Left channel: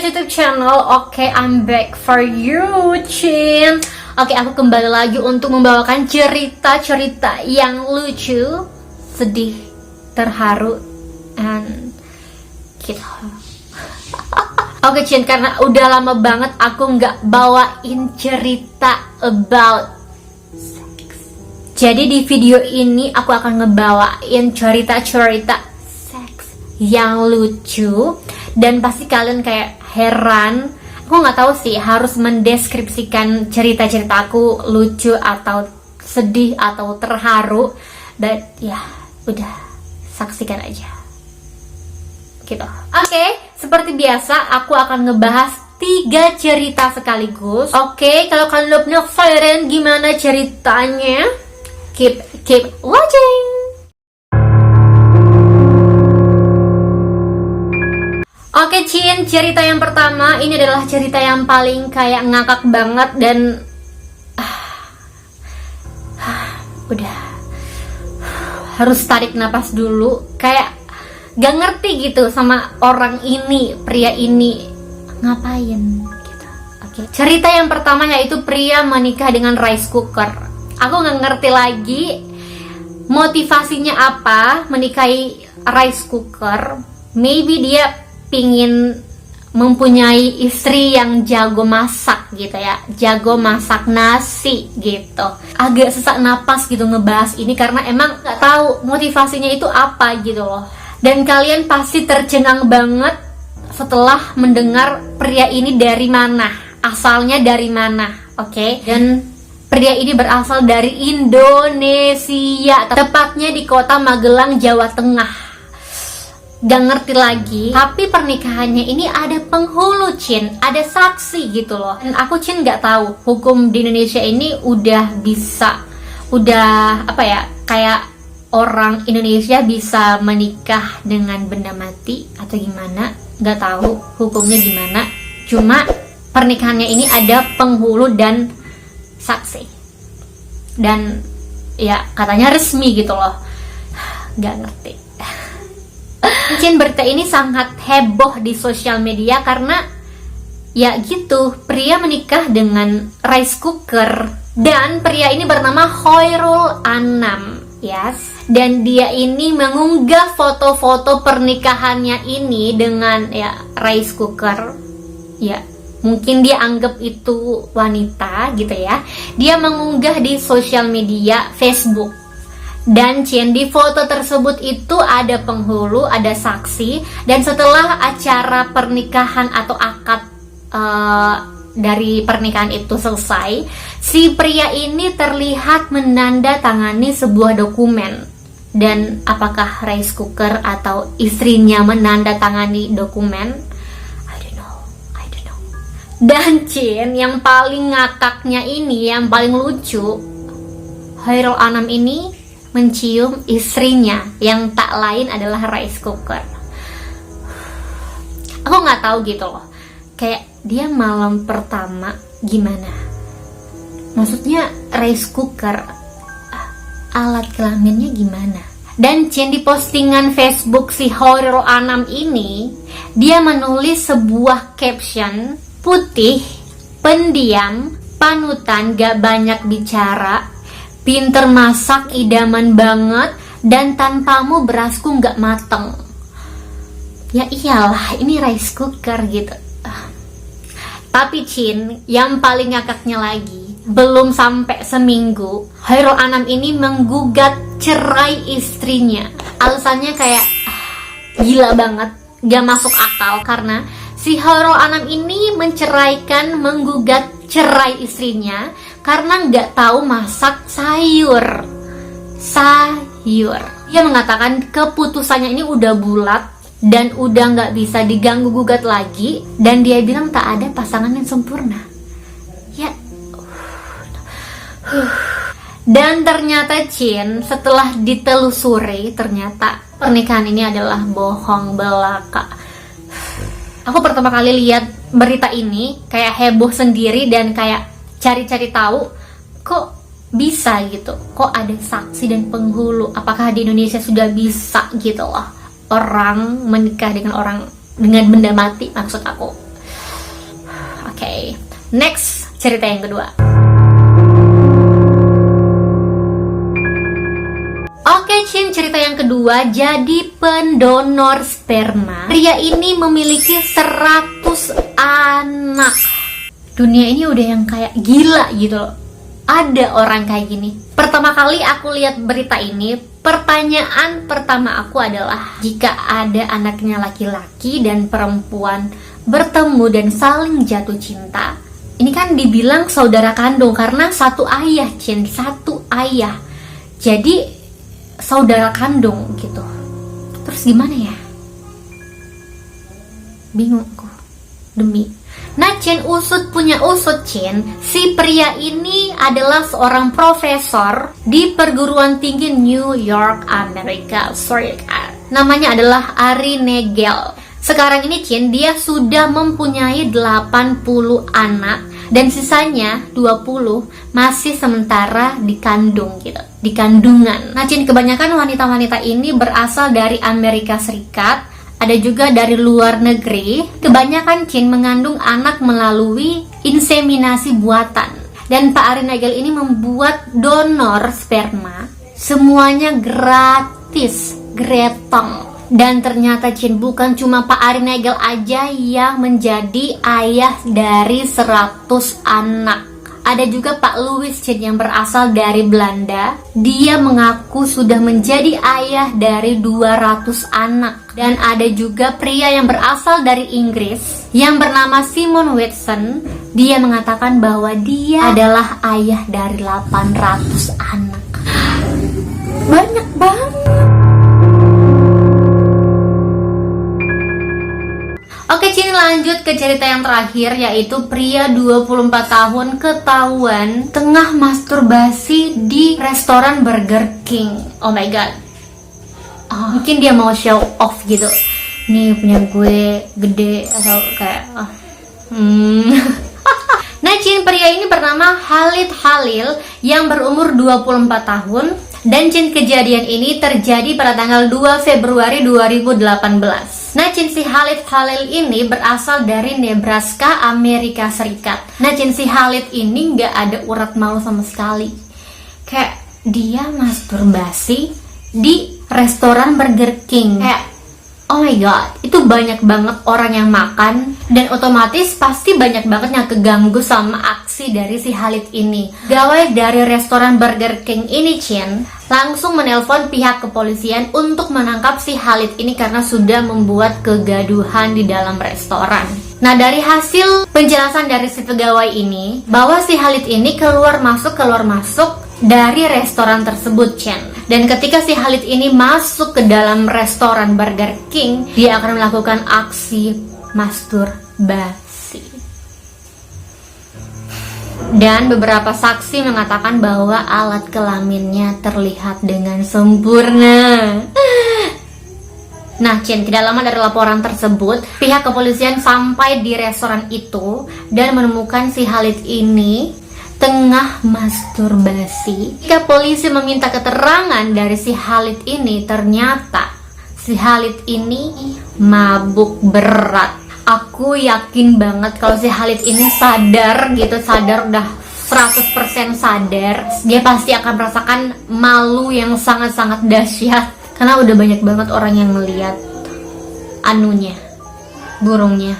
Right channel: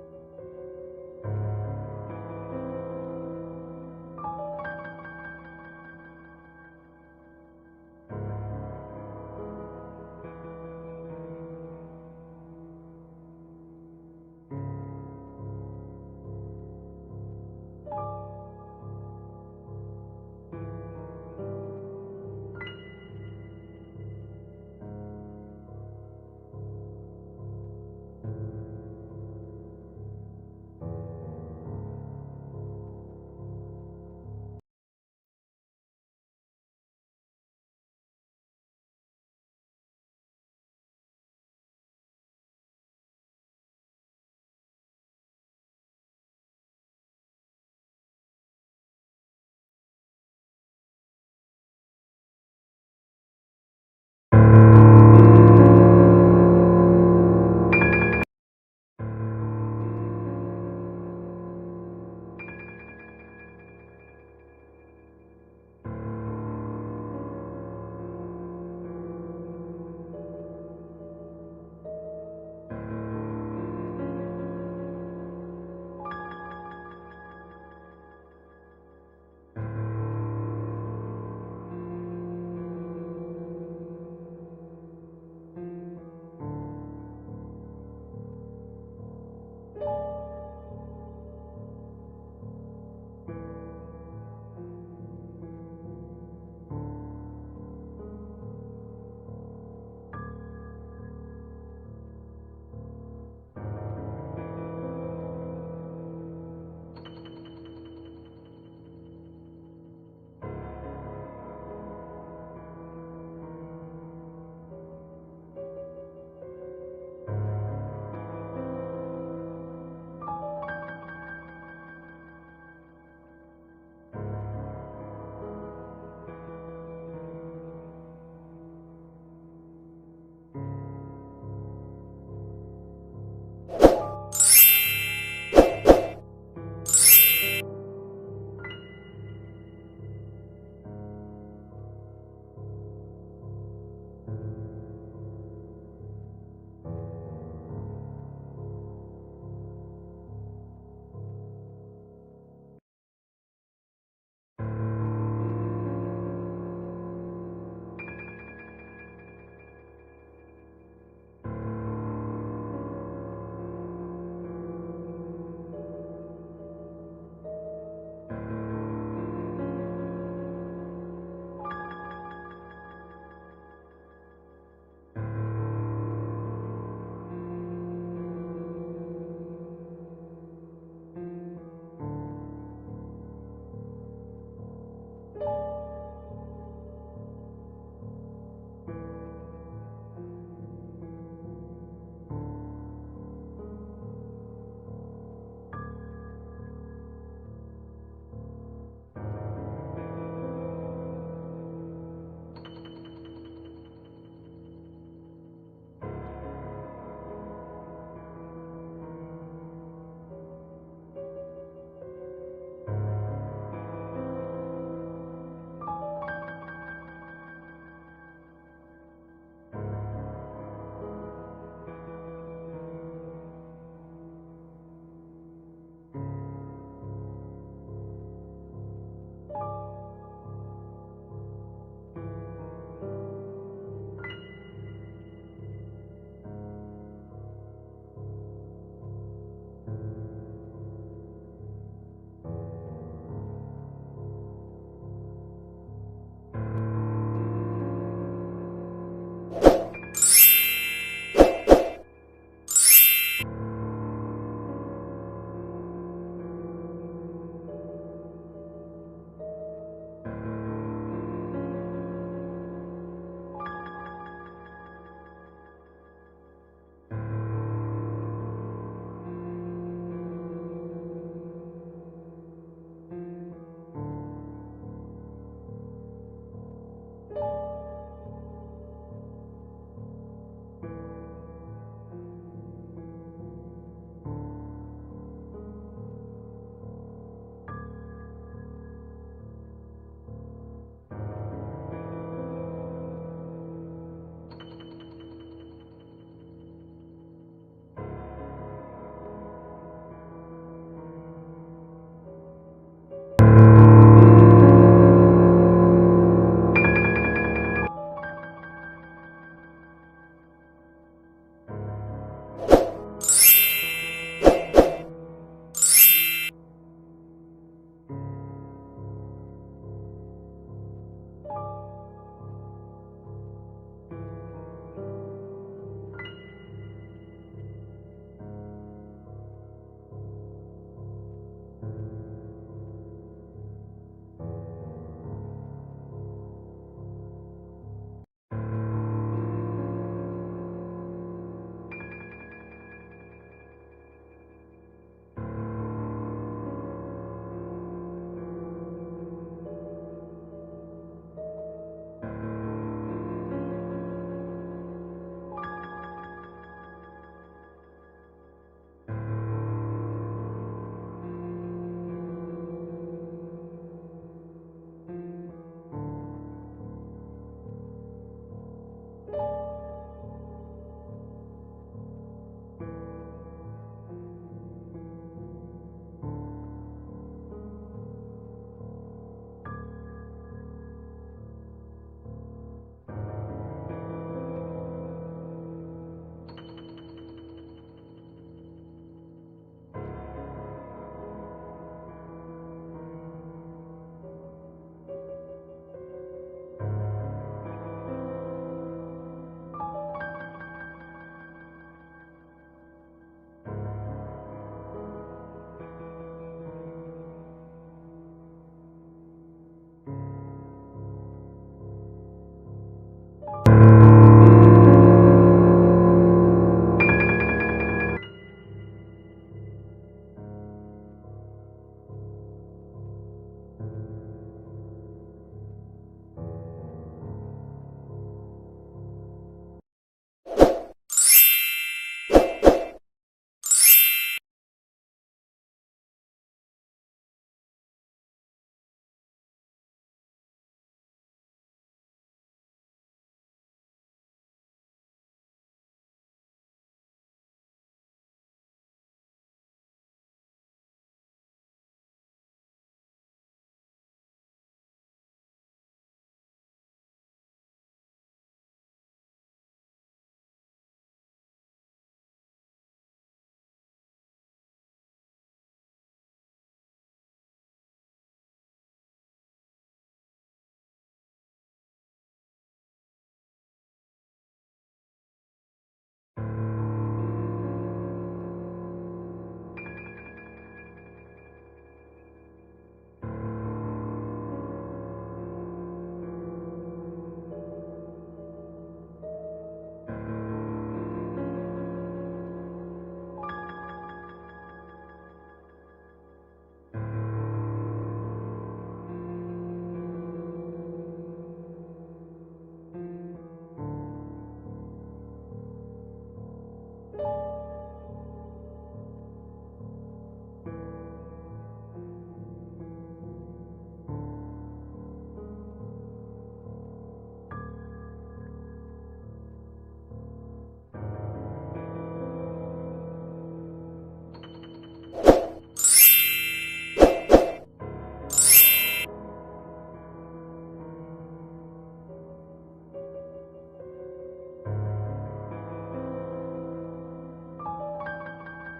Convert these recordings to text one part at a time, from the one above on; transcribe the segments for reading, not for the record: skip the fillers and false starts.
guys, YouTube channel. Oke, I'm back for you, Chin. Oke, aku kembali lagi untuk membawakan cerita-cerita yang lucu, sedih, terharu, and gitu. Oke, Chin, karena udah lama banget aku nggak bawain cerita about sex. Jadi di video ini aku akan ngebawain cerita-cerita seks yang lucu. Dan pasti kalian kayak heran. Aku nggak tahu sih harus mendeskripsikan cerita-cerita aku lucu atau sedih atau terharu. But ya udah, saksikan aja gitu. Oke, seperti biasa aku akan ngebahas 3 cerita sekaligus. Oke, kalau kalian udah penasaran gimana ceritanya, keep watching. Oke, Chin, cerita yang pertama ini adalah cerita yang paling kayak ngakak banget dan udah harus tarik napas dulu, kayak gak ngerti gitu sama orang ini, pria ini ngapain gitu. Oke, cerita yang pertama yaitu pria menikah dengan rice cooker. Aku gak ngerti lagi motivasinya apa menikahi rice cooker. Maybe dia pingin mempunyai istri yang jago masak gitu ya, jago masak nasi gitu. Agak sesak napas gitu ngebahas ini karena emang gak tahu motivasinya itu apa gitu loh. Dan kalian pasti tercengang banget setelah mendengar pria ini dari mana, asalnya dari mana, oke? Dan pria ini berasal dari Indonesia, tepatnya di kota Magelang, Jawa Tengah. Gak ngerti lagi, tapi pernikahannya ini ada penghulu, Chin, ada saksi gitu loh. Dan aku, Chin, gak tahu hukum di Indonesia ini udah apa ya, kayak orang Indonesia bisa menikah dengan benda mati atau gimana, gak tahu hukumnya gimana. Cuma pernikahannya ini ada penghulu dan saksi, dan ya katanya resmi gitu loh. Gak ngerti. Mungkin berita ini sangat heboh di sosial media karena ya gitu, pria menikah dengan rice cooker. Dan pria ini bernama Khairul Anam, yes. Dan dia ini mengunggah foto-foto pernikahannya ini dengan ya rice cooker. Ya, mungkin dia anggap itu wanita gitu ya. Dia mengunggah di sosial media Facebook. Dan Chin, di foto tersebut itu ada penghulu, ada saksi. Dan setelah acara pernikahan atau akad dari pernikahan itu selesai, si pria ini terlihat menandatangani sebuah dokumen. Dan apakah rice cooker atau istrinya menandatangani dokumen? I don't know. Dan Chin, yang paling ngakaknya ini, yang paling lucu, Khairul Anam ini mencium istrinya yang tak lain adalah rice cooker. Aku nggak tahu gitu loh, kayak dia malam pertama gimana? Maksudnya rice cooker, alat kelaminnya gimana? Dan Chin, di postingan Facebook si Khairul Anam ini, dia menulis sebuah caption putih, pendiam, panutan, gak banyak bicara, pinter masak, idaman banget, dan tanpamu berasku nggak mateng. Ya iyalah, ini rice cooker gitu. Tapi Chin, yang paling ngakaknya lagi, belum sampai seminggu, Khairul Anam ini menggugat cerai istrinya. Alasannya kayak gila banget, gak masuk akal. Karena si Khairul Anam ini menggugat cerai istrinya karena nggak tahu masak sayur. Dia mengatakan keputusannya ini udah bulat dan udah nggak bisa diganggu gugat lagi, dan dia bilang tak ada pasangan yang sempurna. Ya. Dan ternyata Chin, setelah ditelusuri, ternyata pernikahan ini adalah bohong belaka. Aku pertama kali lihat berita ini kayak heboh sendiri dan kayak cari-cari tahu kok bisa gitu, kok ada saksi dan penghulu. Apakah di Indonesia sudah bisa gitu loh orang menikah dengan benda mati, maksud aku. Oke, next cerita yang kedua. Oke, Cin, cerita yang kedua. Jadi pendonor sperma. Pria ini memiliki 100 anak. Dunia ini udah yang kayak gila gitu loh. Ada orang kayak gini. Pertama kali aku lihat berita ini, pertanyaan pertama aku adalah, jika ada anaknya laki-laki dan perempuan bertemu dan saling jatuh cinta, ini kan dibilang saudara kandung karena satu ayah, Cin, satu ayah. Jadi saudara kandung gitu. Terus gimana ya? Bingung aku. Demi. Nah, Cin, usut punya usut, Cin. Si pria ini adalah seorang profesor di perguruan tinggi New York, Amerika. Namanya adalah Ari Nagel. Sekarang ini, Cin, dia sudah mempunyai 80 anak dan sisanya 20 masih sementara dikandung gitu, di kandungan. Nah, Cin, kebanyakan wanita-wanita ini berasal dari Amerika Serikat, ada juga dari luar negeri. Kebanyakan, Cin, mengandung anak melalui inseminasi buatan. Dan Pak Ari Nagel ini membuat donor sperma semuanya gratis, gretong. Dan ternyata, Cin, bukan cuma Pak Ari Nagel aja yang menjadi ayah dari 100 anak. Ada juga Pak Louis, Cin, yang berasal dari Belanda. Dia mengaku sudah menjadi ayah dari 200 anak. Dan ada juga pria yang berasal dari Inggris yang bernama Simon Watson. Dia mengatakan bahwa dia adalah ayah dari 800 anak. Banyak banget. Oke, Cin, lanjut ke cerita yang terakhir, yaitu pria 24 tahun ketahuan tengah masturbasi di restoran Burger King. Oh my god. Mungkin dia mau show off gitu. Nih, punya gue gede atau kayak Nah, Cin, pria ini bernama Khalid Khalil yang berumur 24 tahun. Dan, Cin, kejadian ini terjadi pada tanggal 2 Februari 2018. Nah, Cin, si Khalid Khalil ini berasal dari Nebraska, Amerika Serikat. Nah, Cin, si Khalid ini nggak ada urat malu sama sekali. Kayak dia masturbasi di restoran Burger King. Kayak, oh my god, itu banyak banget orang yang makan. Dan otomatis pasti banyak banget yang keganggu sama aksi dari si Khalid ini. Gawai dari restoran Burger King ini, Cin, langsung menelpon pihak kepolisian untuk menangkap si Khalid ini karena sudah membuat kegaduhan di dalam restoran. Nah, dari hasil penjelasan dari si pegawai ini, bahwa si Khalid ini keluar masuk dari restoran tersebut, Cin. Dan ketika si Khalid ini masuk ke dalam restoran Burger King, dia akan melakukan aksi masturbasi. Dan beberapa saksi mengatakan bahwa alat kelaminnya terlihat dengan sempurna. Nah, Cin, tidak lama dari laporan tersebut, pihak kepolisian sampai di restoran itu dan menemukan si Khalid ini tengah masturbasi. Ketika polisi meminta keterangan dari si Khalid ini, ternyata si Khalid ini mabuk berat. Aku yakin banget kalau si Khalid ini sadar udah 100% sadar, dia pasti akan merasakan malu yang sangat-sangat dahsyat karena udah banyak banget orang yang melihat anunya, burungnya.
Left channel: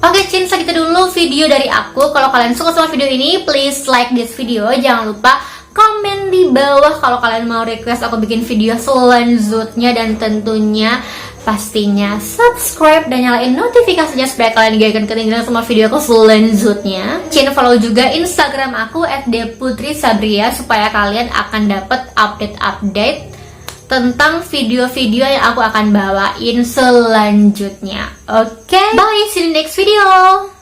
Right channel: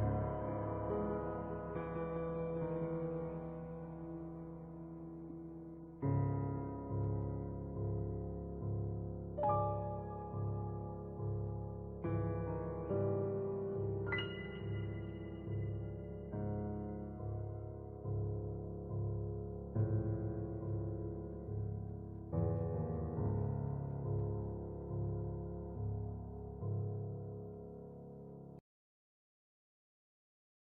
Oke, Cin, segitu dulu video dari aku. Kalau kalian suka sama video ini, please like this video. Jangan lupa komen di bawah kalau kalian mau request aku bikin video selanjutnya. Dan tentunya pastinya subscribe dan nyalain notifikasinya supaya kalian gak akan ketinggalan sama video aku selanjutnya. Cin, follow juga Instagram aku @deputrisabria supaya kalian akan dapat update-update tentang video-video yang aku akan bawain selanjutnya. Oke, bye, see you in the next video.